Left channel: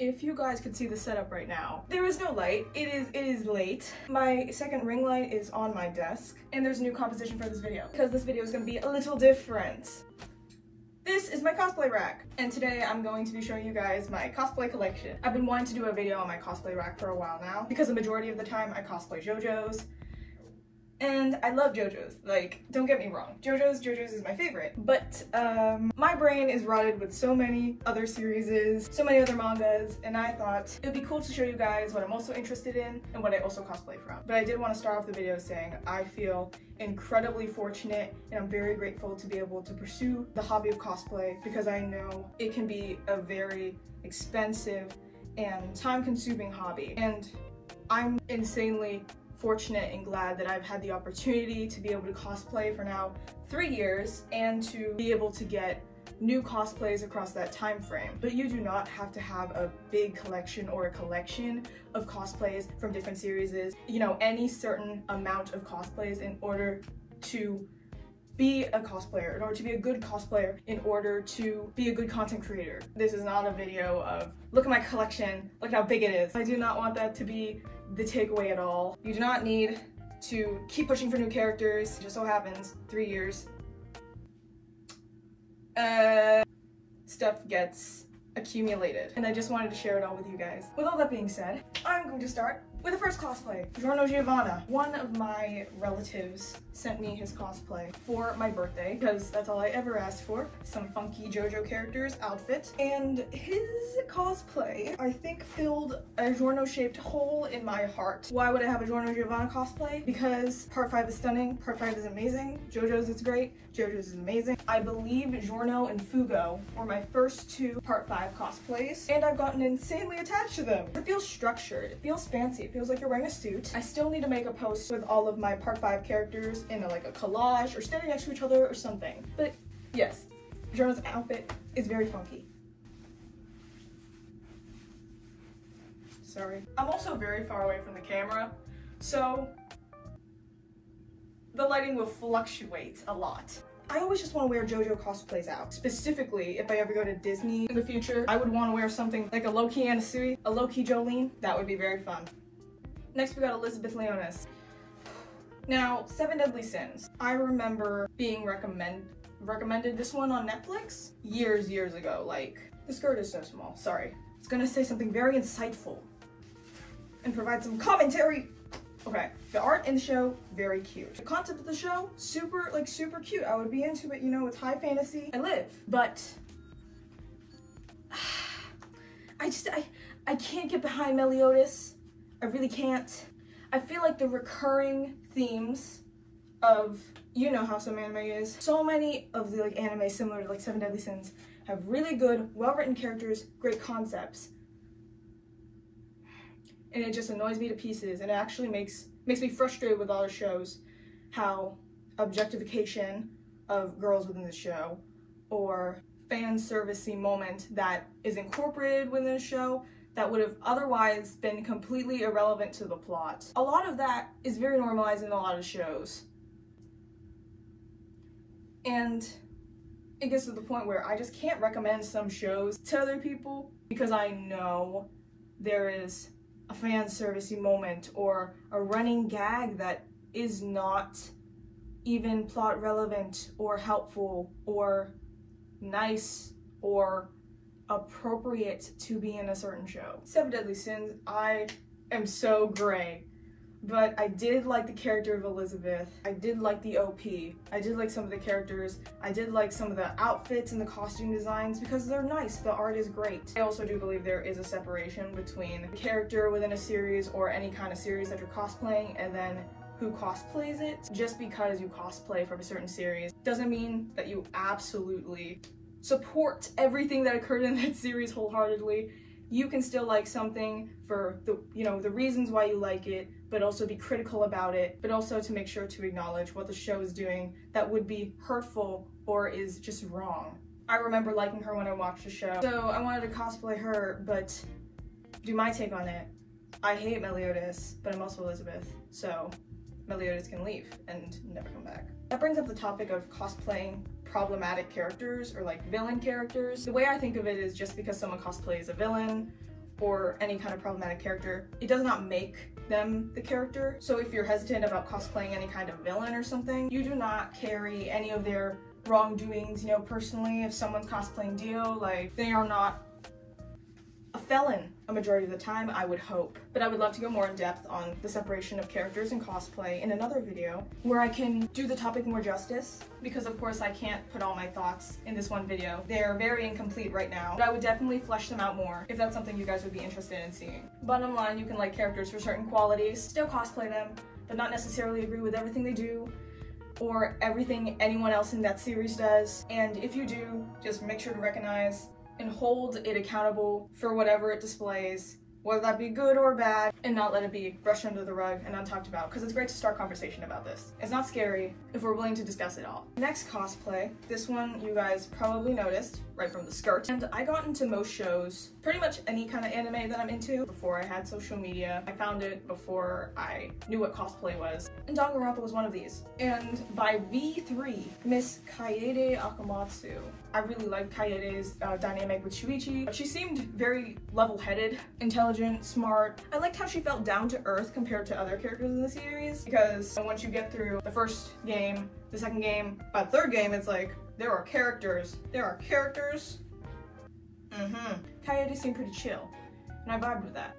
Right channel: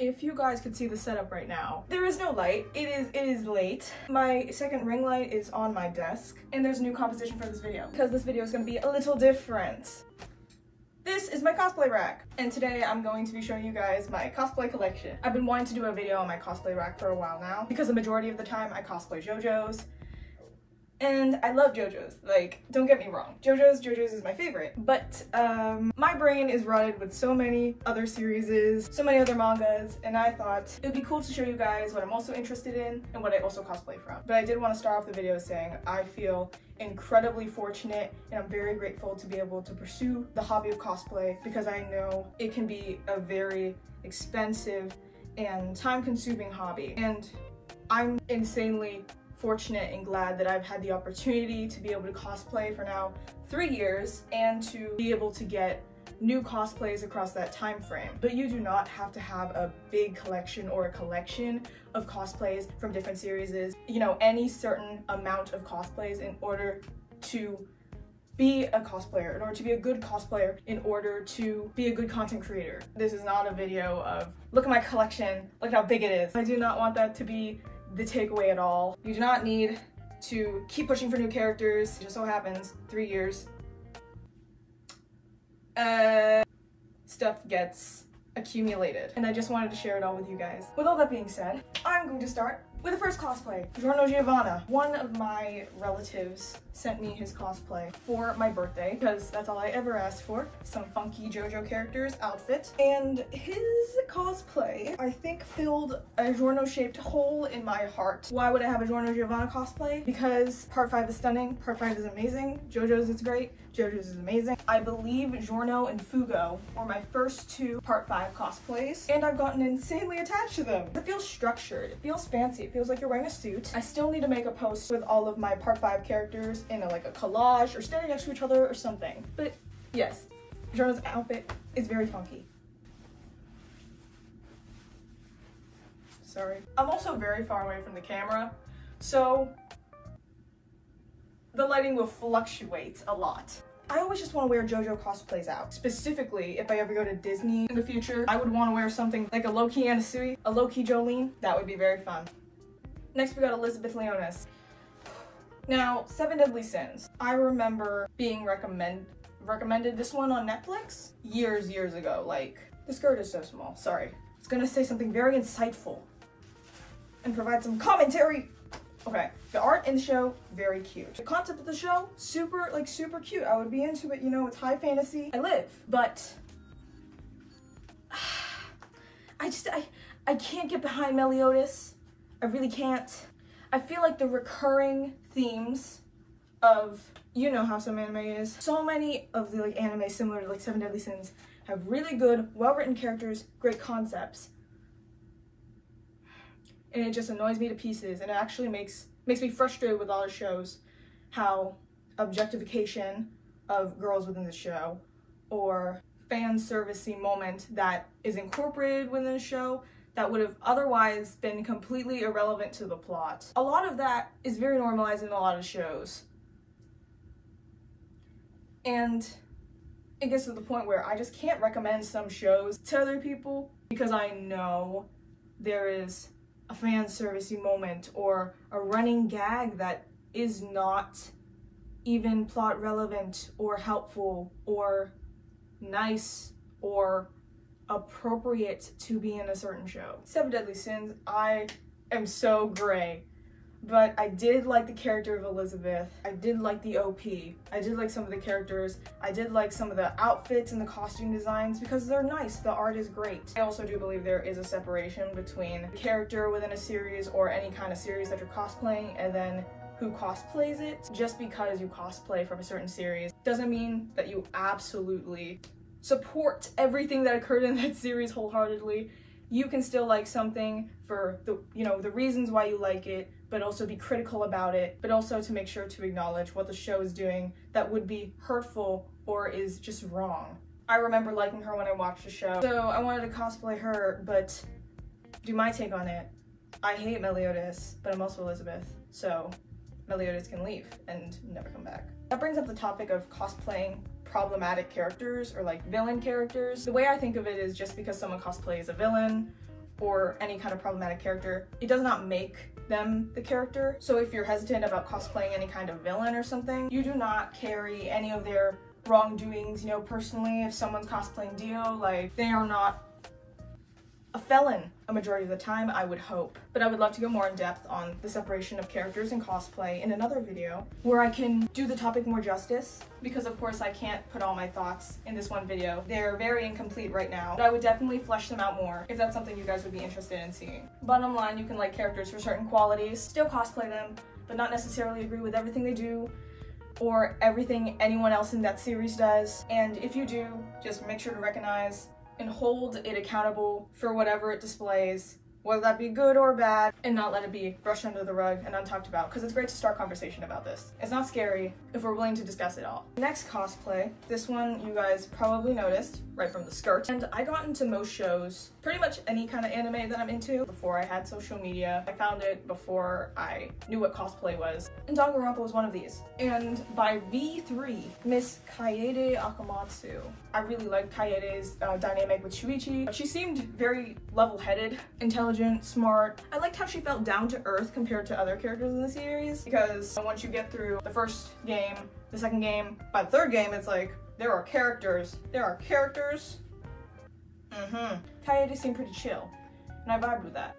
If you guys could see the setup right now, there is no light. It is late. My second ring light is on my desk, and there's a new composition for this video because this video is going to be a little different. This is my cosplay rack, and today I'm going to be showing you guys my cosplay collection. I've been wanting to do a video on my cosplay rack for a while now because the majority of the time I cosplay Jojos. And I love Jojo's, like, don't get me wrong. Jojo's is my favorite. But my brain is rotted with so many other series, so many other mangas, and I thought it'd be cool to show you guys what I'm also interested in and what I also cosplay from. But I did want to start off the video saying I feel incredibly fortunate and I'm very grateful to be able to pursue the hobby of cosplay because I know it can be a very expensive and time-consuming hobby. And I'm insanely fortunate and glad that I've had the opportunity to be able to cosplay for now 3 years and to be able to get new cosplays across that time frame. But you do not have to have a big collection or a collection of cosplays from different series, you know, any certain amount of cosplays in order to be a cosplayer, in order to be a good cosplayer, in order to be a good content creator. This is not a video of look at my collection, look how big it is. I do not want that to be the takeaway at all. You do not need to keep pushing for new characters. It just so happens 3 years stuff gets accumulated, and I just wanted to share it all with you guys. With all that being said, I'm going to start with the first cosplay, Giorno. One of my relatives sent me his cosplay for my birthday because that's all I ever asked for, some funky Jojo characters outfit. And his cosplay, I think, filled a Giorno-shaped hole in my heart. Why would I have a Giorno cosplay? Because part 5 is stunning, part 5 is amazing, Jojo's is great, Jojo's is amazing. I believe Giorno and Fugo were my first 2 part 5 cosplays, and I've gotten insanely attached to them. It feels structured, it feels fancy, it feels like you're wearing a suit. I still need to make a post with all of my part 5 characters in like a collage or standing next to each other or something. But yes, Giorno's outfit is very funky. Sorry. I'm also very far away from the camera, so the lighting will fluctuate a lot. I always just want to wear Jojo cosplays out. Specifically, if I ever go to Disney in the future, I would want to wear something like a low-key Anasui, a low-key Jolene. That would be very fun. Next, we got Elizabeth Leonis. Now, 7 Deadly Sins. I remember being recommended this one on Netflix years ago. Like, the skirt is so small, sorry. I was gonna say something very insightful and provide some commentary. Okay, the art in the show, very cute. The concept of the show, super cute. I would be into it, you know, it's high fantasy. I live, but I can't get behind Meliodas. I really can't. I feel like the recurring themes of, you know how some anime is. So many of the anime similar to 7 Deadly Sins have really good, well-written characters, great concepts. And it just annoys me to pieces, and it actually makes me frustrated with a lot of shows how objectification of girls within the show or fan servicey moment that is incorporated within the show that would have otherwise been completely irrelevant to the plot. A lot of that is very normalized in a lot of shows. And it gets to the point where I just can't recommend some shows to other people because I know there is a fan servicey moment or a running gag that is not even plot relevant or helpful or nice or appropriate to be in a certain show. 7 Deadly Sins, I am so gray, but I did like the character of Elizabeth. I did like the OP. I did like some of the characters. I did like some of the outfits and the costume designs because they're nice. The art is great. I also do believe there is a separation between a character within a series or any kind of series that you're cosplaying and then who cosplays it. Just because you cosplay from a certain series doesn't mean that you absolutely support everything that occurred in that series wholeheartedly. You can still like something for the, you know, the reasons why you like it, but also be critical about it, but also to make sure to acknowledge what the show is doing that would be hurtful or is just wrong. I remember liking her when I watched the show, so I wanted to cosplay her, but do my take on it. I hate Meliodas, but I'm also Elizabeth, so Meliodas can leave and never come back. That brings up the topic of cosplaying problematic characters or villain characters. The way I think of it is just because someone cosplays a villain or any kind of problematic character, it does not make them the character. So if you're hesitant about cosplaying any kind of villain or something, you do not carry any of their wrongdoings, you know, personally. If someone's cosplaying Dio, like, they are not a felon a majority of the time, I would hope. But I would love to go more in depth on the separation of characters in cosplay in another video where I can do the topic more justice, because of course I can't put all my thoughts in this one video. They're very incomplete right now, but I would definitely flesh them out more if that's something you guys would be interested in seeing. Bottom line, you can like characters for certain qualities, still cosplay them, but not necessarily agree with everything they do or everything anyone else in that series does. And if you do, just make sure to recognize and hold it accountable for whatever it displays, whether that be good or bad, and not let it be brushed under the rug and untalked about, because it's great to start conversation about this. It's not scary if we're willing to discuss it all. Next cosplay, this one you guys probably noticed right from the skirt. And I got into most shows, pretty much any kind of anime that I'm into, before I had social media. I found it before I knew what cosplay was. And Danganronpa was one of these. And by V3, Miss Kaede Akamatsu. I really liked Kaede's dynamic with Shuichi. She seemed very level-headed, intelligent, smart. I liked how she felt down to earth compared to other characters in the series, because once you get through the first game, the second game, by the third game, it's like, there are characters. Kaede seemed pretty chill, and I vibed with that.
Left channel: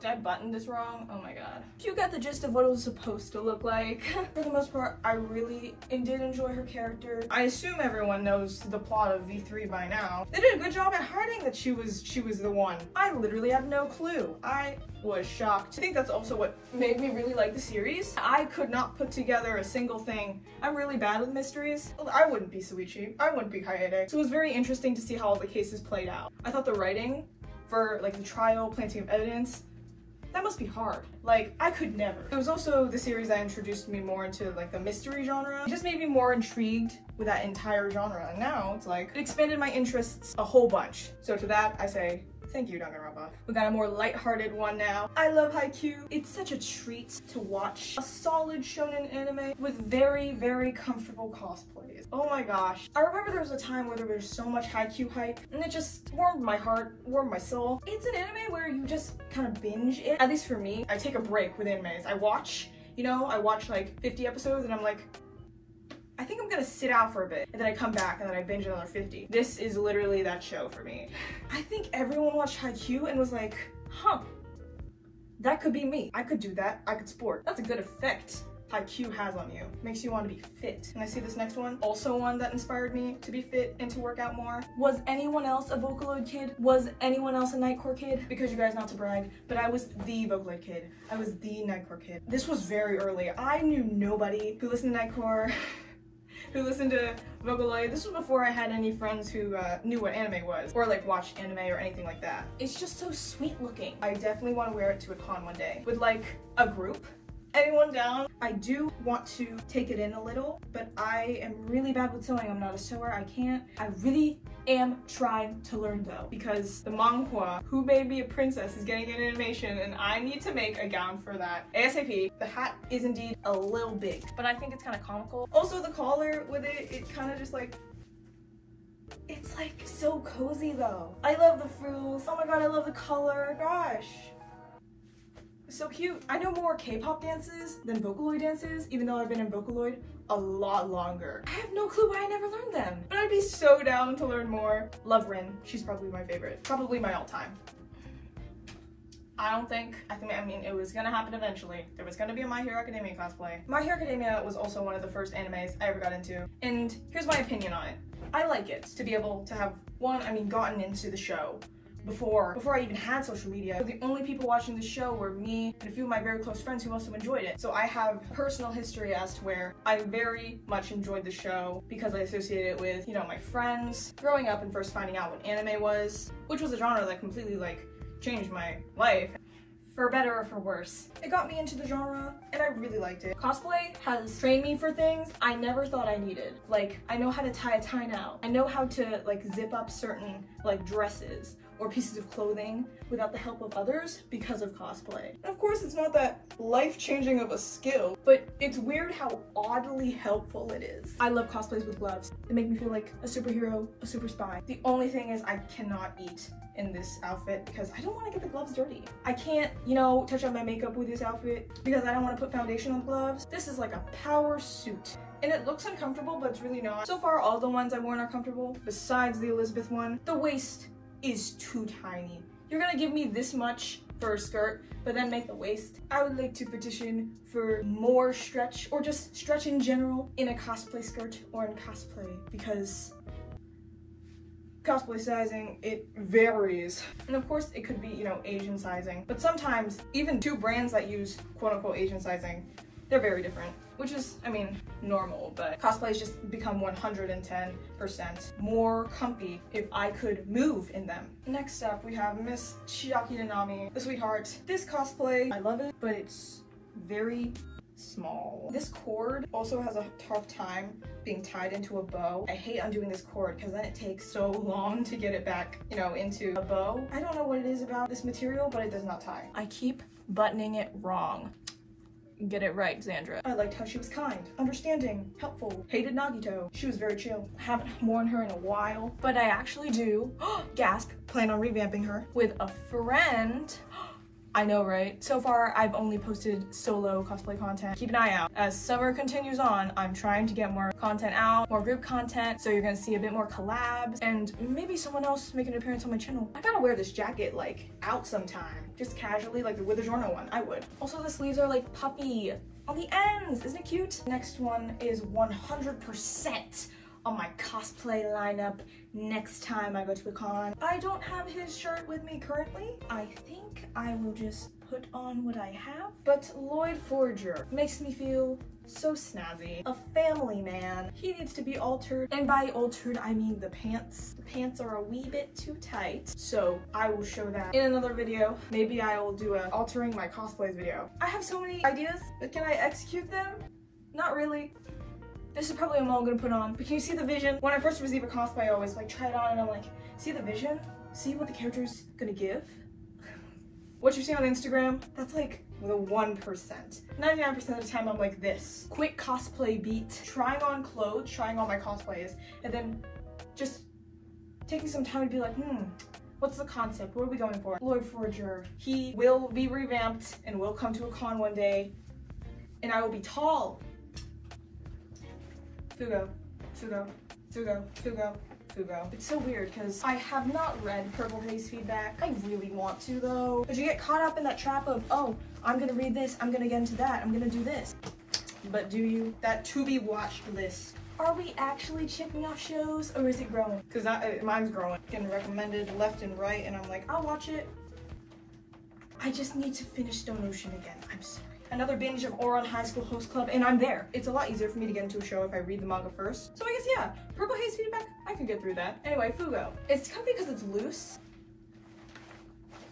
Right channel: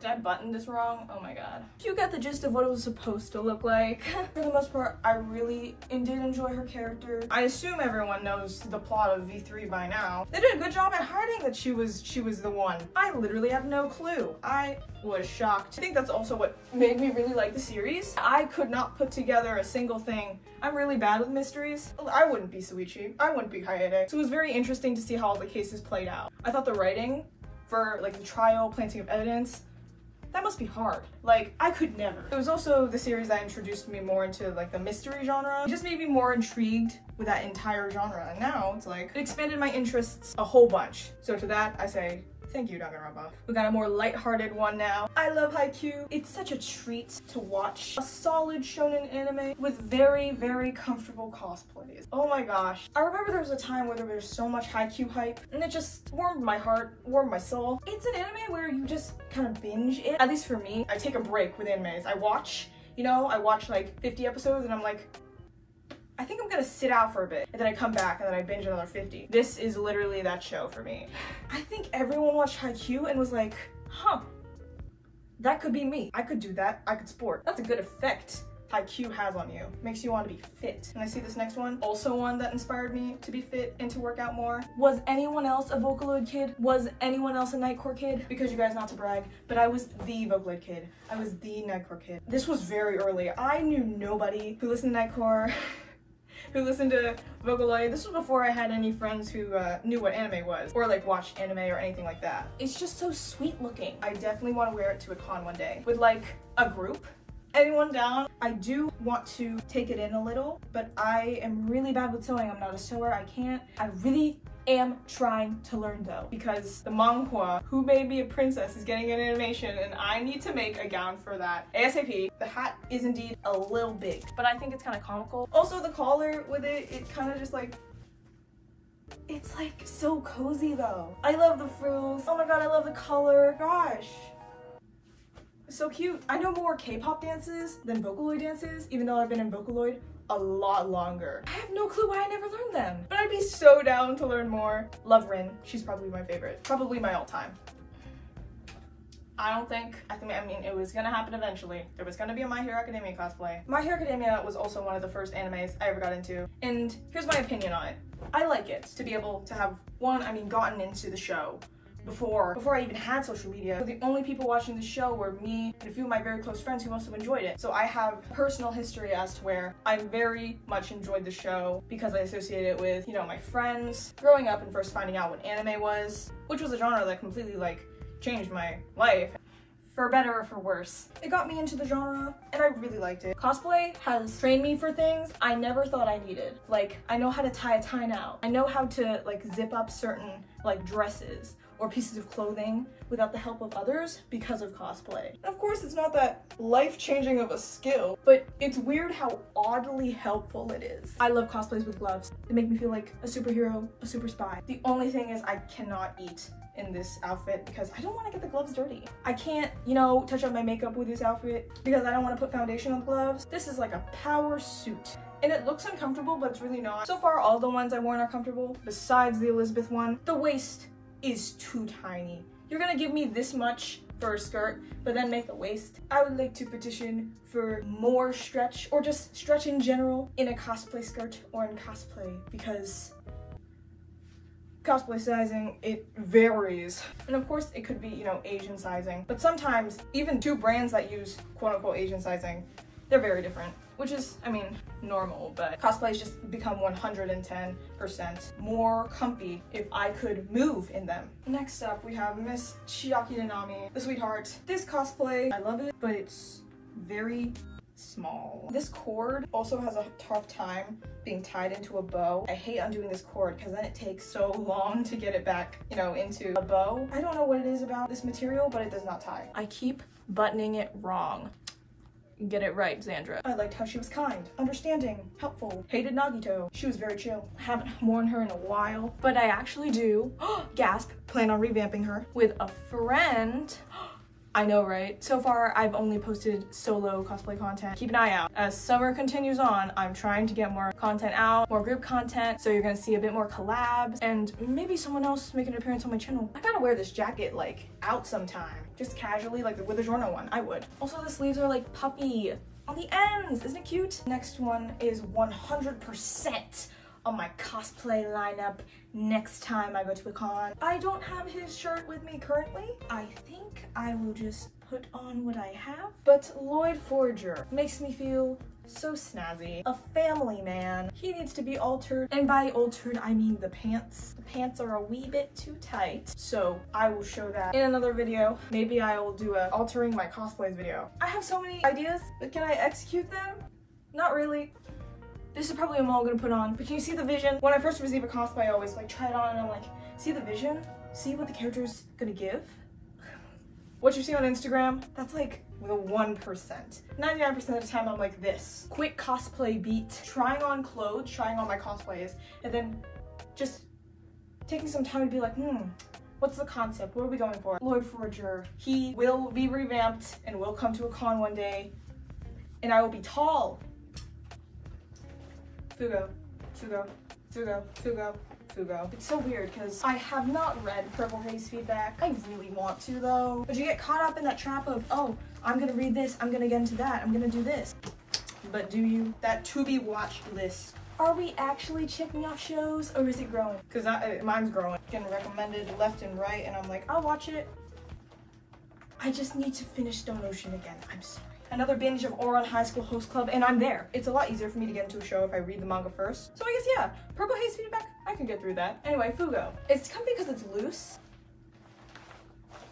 Did I button this wrong? Oh my god. You got the gist of what it was supposed to look like. For the most part, I really did enjoy her character. I assume everyone knows the plot of V3 by now. They did a good job at hiding that she was the one. I literally had no clue. I was shocked. I think that's also what made me really like the series. I could not put together a single thing. I'm really bad with mysteries. I wouldn't be Shuichi. I wouldn't be Kaede. So it was very interesting to see how all the cases played out. I thought the writing for like the trial, planting of evidence, that must be hard. Like, I could never. It was also the series that introduced me more into like the mystery genre. It just made me more intrigued with that entire genre. And now it's like, it expanded my interests a whole bunch. So to that, I say, thank you, Danganronpa. We got a more lighthearted one now. I love Haikyuu. It's such a treat to watch a solid shonen anime with very, very comfortable cosplays. Oh my gosh. I remember there was a time where there was so much Haikyuu hype, and it just warmed my heart, warmed my soul. It's an anime where you just kind of binge it. At least for me, I take a break with animes. I watch, you know, I watch like 50 episodes and I'm like, I think I'm gonna sit out for a bit, and then I come back and then I binge another 50. This is literally that show for me. I think everyone watched Haikyuu and was like, huh, that could be me. I could do that, I could sport. That's a good effect Haikyuu has on you. Makes you want to be fit. And I see this next one, also one that inspired me to be fit and to work out more. Was anyone else a Vocaloid kid? Was anyone else a Nightcore kid? Because you guys, not to brag, but I was the Vocaloid kid. I was the Nightcore kid. This was very early. I knew nobody who listened to Nightcore, who listened to Vocaloid. This was before I had any friends who knew what anime was, or like watched anime or anything like that. It's just so sweet looking. I definitely want to wear it to a con one day with like a group. Anyone down? I do want to take it in a little, but I am really bad with sewing. I'm not a sewer, I can't. I really am trying to learn though, because the manhwa, Who Made Me a Princess, is getting an animation and I need to make a gown for that ASAP. The hat is indeed a little big, but I think it's kind of comical. Also the collar with it, it kind of just like, it's like so cozy though. I love the frills. Oh my god, I love the color, gosh. So cute. I know more K-pop dances than Vocaloid dances, even though I've been in Vocaloid a lot longer. I have no clue why I never learned them, but I'd be so down to learn more. Love Rin. She's probably my favorite. Probably my all-time. I mean, it was gonna happen eventually. There was gonna be a My Hero Academia cosplay. My Hero Academia was also one of the first animes I ever got into, and here's my opinion on it. I like it to be able to have gotten into the show before I even had social media. The only people watching the show were me and a few of my very close friends who also enjoyed it. So I have personal history as to where I very much enjoyed the show because I associate it with, you know, my friends growing up and first finding out what anime was, which was a genre that completely like changed my life. For better or for worse. It got me into the genre and I really liked it. Cosplay has trained me for things I never thought I needed. Like, I know how to tie a tie now. I know how to like zip up certain like dresses or pieces of clothing without the help of others because of cosplay. And of course, it's not that life-changing of a skill, but it's weird how oddly helpful it is. I love cosplays with gloves. They make me feel like a superhero, a super spy. The only thing is I cannot eat in this outfit because I don't want to get the gloves dirty. I can't, you know, touch up my makeup with this outfit because I don't want to put foundation on the gloves. This is like a power suit. And it looks uncomfortable, but it's really not. So far, all the ones I've worn are comfortable, besides the Elizabeth one. The waist is too tiny. You're gonna give me this much for a skirt, but then make the waist. I would like to petition for more stretch, or just stretch in general, in a cosplay skirt or in cosplay, because cosplay sizing, it varies. And of course, it could be, you know, Asian sizing. But sometimes, even two brands that use quote-unquote Asian sizing, they're very different, which is, I mean, normal, but cosplays just become 110% more comfy if I could move in them. Next up, we have Miss Chiaki Nanami, the sweetheart. This cosplay, I love it, but it's very small. This cord also has a tough time being tied into a bow. I hate undoing this cord because then it takes so long to get it back, you know, into a bow. I don't know what it is about this material, but it does not tie. I keep buttoning it wrong. Get it right, Xandra. I liked how she was kind, understanding, helpful. Hated Nagito. She was very chill. Haven't worn her in a while, but I actually do, gasp, plan on revamping her with a friend. I know, right? So far, I've only posted solo cosplay content. Keep an eye out. As summer continues on, I'm trying to get more content out, more group content, so you're gonna see a bit more collabs, and maybe someone else make an appearance on my channel. I gotta wear this jacket, like, out sometime. Just casually, like with the Giorno one, I would. Also, the sleeves are, like, puffy on the ends. Isn't it cute? Next one is 100% on my cosplay lineup next time I go to a con. I don't have his shirt with me currently. I think I will just put on what I have. But Lloyd Forger makes me feel so snazzy. A family man. He needs to be altered. And by altered, I mean the pants. The pants are a wee bit too tight. So I will show that in another video. Maybe I will do a altering my cosplays video. I have so many ideas, but can I execute them? Not really. This is probably a mall I'm gonna put on, but can you see the vision? When I first receive a cosplay, I always like try it on and I'm like, see the vision? See what the character's gonna give? What you see on Instagram, that's like the 1%. 99% of the time I'm like this. Quick cosplay beat, trying on clothes, trying on my cosplays, and then just taking some time to be like, what's the concept? What are we going for? Lloyd Forger, he will be revamped and will come to a con one day, and I will be tall. Fugo, Fugo, Fugo, Fugo, Fugo. It's so weird because I have not read Purple Haze feedback. I really want to though. But you get caught up in that trap of, oh, I'm gonna read this, I'm gonna get into that, I'm gonna do this. But do you? That to be watched list. Are we actually checking off shows or is it growing? Because mine's growing. Getting recommended left and right and I'm like, I'll watch it. I just need to finish Stone Ocean again. I'm sorry. Another binge of Ouran High School Host Club, and I'm there. It's a lot easier for me to get into a show if I read the manga first. So I guess, yeah, Purple Haze feedback, I can get through that. Anyway, Fugo. It's comfy because it's loose.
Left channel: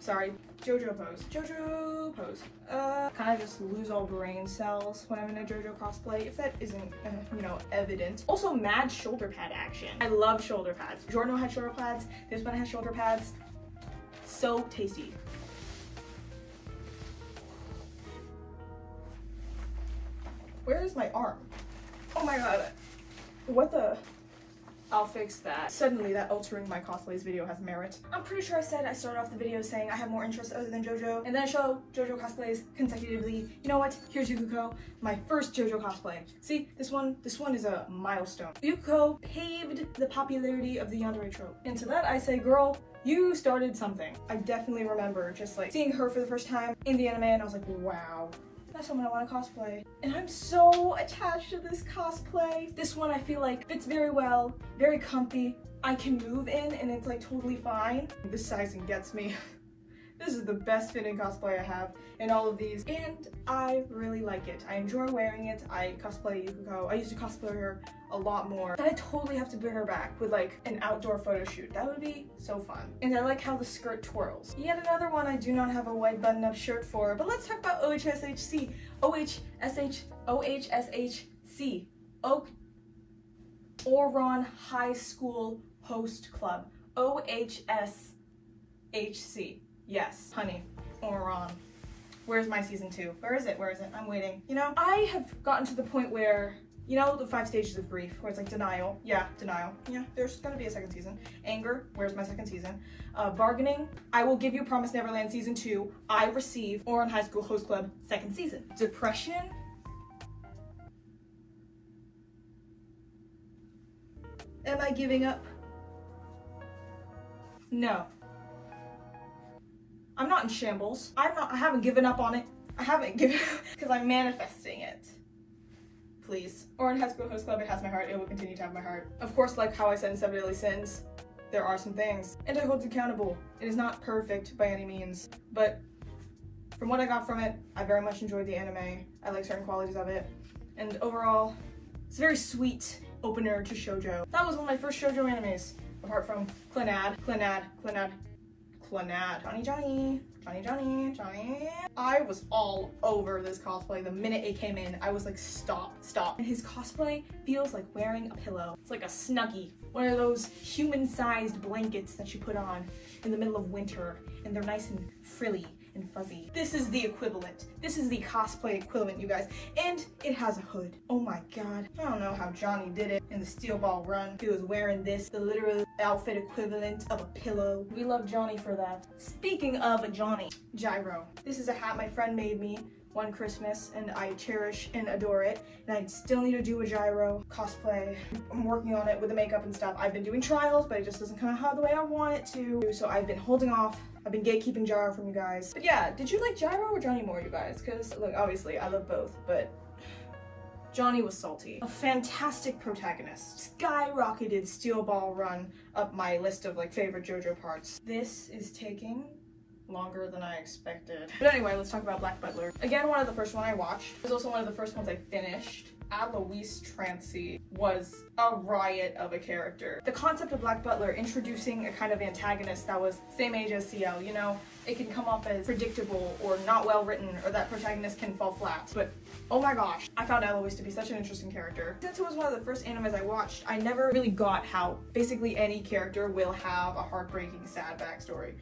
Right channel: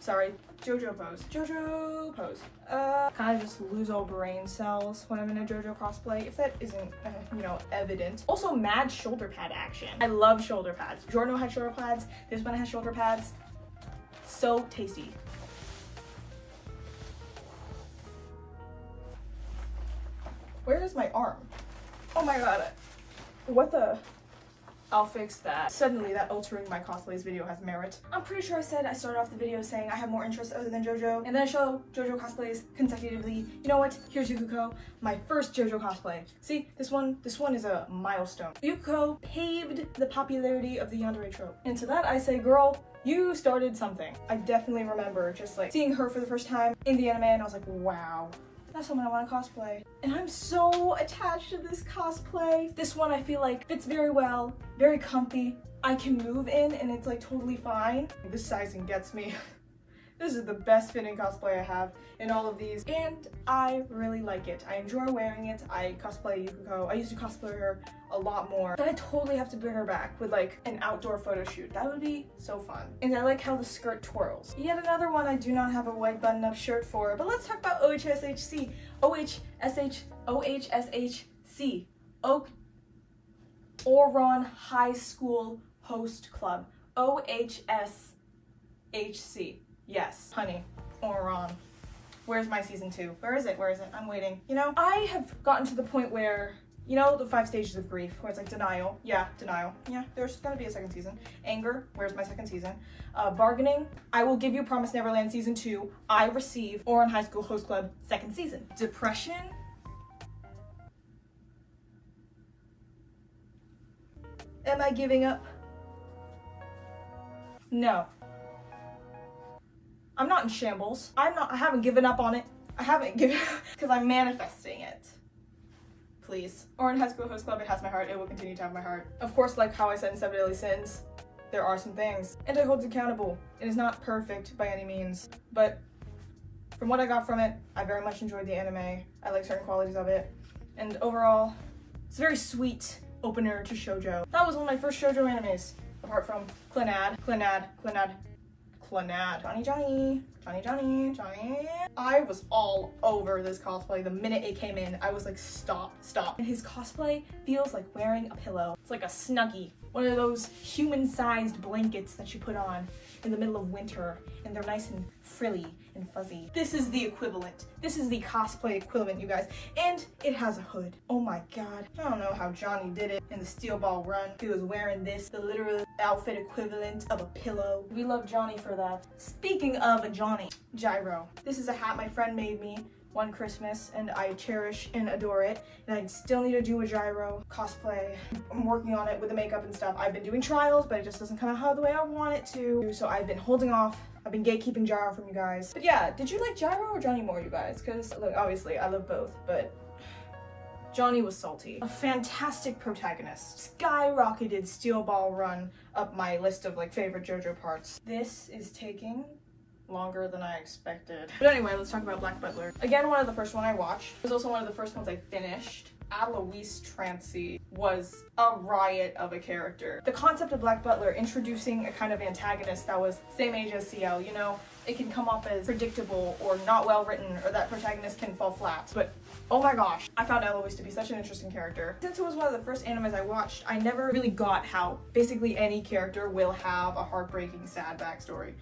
Sorry, Jojo pose. Jojo pose. Kind of just lose all brain cells when I'm in a Jojo cosplay, if that isn't, you know, evident. Also, mad shoulder pad action. I love shoulder pads. Giorno had shoulder pads. This one has shoulder pads. So tasty. Where is my arm? Oh my god. What the? I'll fix that. Suddenly that altering my cosplays video has merit. I'm pretty sure I said I started off the video saying I have more interests other than Jojo, and then I show Jojo cosplays consecutively. You know what? Here's Yukuko, my first Jojo cosplay. See, this one is a milestone. Yukuko paved the popularity of the yandere trope. And to that I say, girl, you started something. I definitely remember just like seeing her for the first time in the anime and I was like, wow. That's someone I want to cosplay. And I'm so attached to this cosplay. This one I feel like fits very well, very comfy. I can move in and it's like totally fine. This sizing gets me. This is the best fitting cosplay I have in all of these and I really like it. I enjoy wearing it. I cosplay Yukuko. I used to cosplay her a lot more. But I totally have to bring her back with like an outdoor photo shoot. That would be so fun. And I like how the skirt twirls. Yet another one I do not have a white button-up shirt for, but let's talk about OHSHC. OHSHC. Ouran High School Host Club. OHSHC. HC. Yes, honey, or on. Where's my season 2? Where is it? Where is it? I'm waiting. You know, I have gotten to the point where, you know, the 5 stages of grief, where it's like denial. Yeah, denial. Yeah, there's gonna be a second season. Anger, where's my second season? Bargaining, I will give you Promise Neverland season 2. I receive Oran High School Host Club second season. Depression. Am I giving up? No. I'm not in shambles. I haven't given up on it. I haven't given up because I'm manifesting it. Please. Oran High School Host Club, it has my heart. It will continue to have my heart. Of course, like how I said in 7 Deadly Sins, there are some things. And I hold it accountable. It is not perfect by any means, but from what I got from it, I very much enjoyed the anime. I like certain qualities of it. And overall, it's a very sweet opener to shoujo. That was one of my first shoujo animes, apart from Clannad. Johnny. I was all over this cosplay the minute it came in. I was like, stop. And his cosplay feels like wearing a pillow. It's like a Snuggie, one of those human-sized blankets that you put on in the middle of winter, and they're nice and frilly and fuzzy. This is the equivalent. This is the cosplay equivalent, you guys. And it has a hood. Oh my god. I don't know how Johnny did it in the Steel Ball run. He was wearing this, the literal outfit equivalent of a pillow. We love Johnny for that. Speaking of Johnny, gyro. This is a hat my friend made me one Christmas, and I cherish and adore it. And I still need to do a gyro cosplay. I'm working on it with the makeup and stuff. I've been doing trials, but it just doesn't come out the way I want it to. So I've been holding off. I've been gatekeeping Gyro from you guys. But yeah, did you like Gyro or Johnny more, you guys? Because look, obviously I love both, but Johnny was salty. A fantastic protagonist. Skyrocketed Steel Ball run up my list of like favorite JoJo parts. This is taking longer than I expected. But anyway, let's talk about Black Butler. Again, one of the first one I watched. It was also one of the first ones I finished. Alois Trancy was a riot of a character. The concept of Black Butler introducing a kind of antagonist that was same age as CL, you know, it can come off as predictable or not well written, or that protagonist can fall flat. But oh my gosh, I found Alois to be such an interesting character. Since it was one of the first animes I watched, I never really got how basically any character will have a heartbreaking, sad backstory.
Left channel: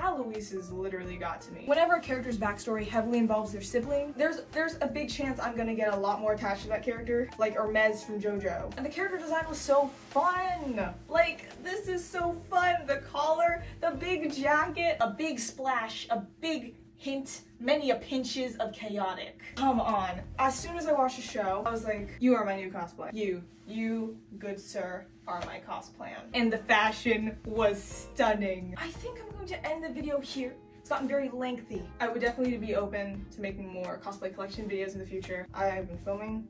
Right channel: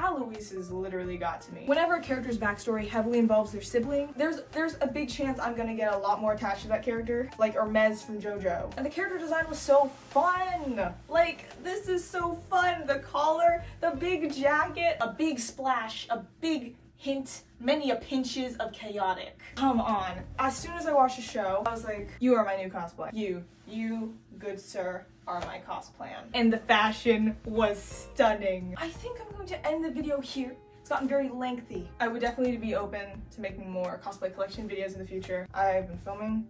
Alois's literally got to me. Whenever a character's backstory heavily involves their sibling, there's a big chance I'm gonna get a lot more attached to that character, like Hermes from Jojo. And the character design was so fun! Like, this is so fun! The collar, the big jacket, a big splash, a big hint, many a pinches of chaotic. Come on. As soon as I watched the show, I was like, you are my new cosplay. You, good sir, are my cosplayan. And the fashion was stunning. I think I'm going to end the video here. It's gotten very lengthy. I would definitely be open to making more cosplay collection videos in the future. I've been filming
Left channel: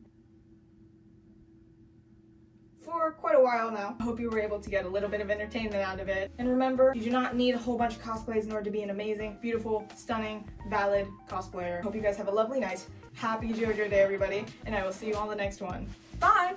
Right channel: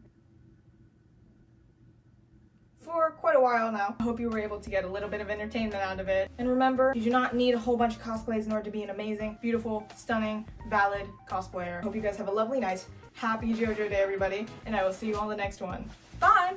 for quite a while now. I hope you were able to get a little bit of entertainment out of it. And remember, you do not need a whole bunch of cosplays in order to be an amazing, beautiful, stunning, valid cosplayer. Hope you guys have a lovely night. Happy JoJo Day, everybody, and I will see you on the next one. Bye!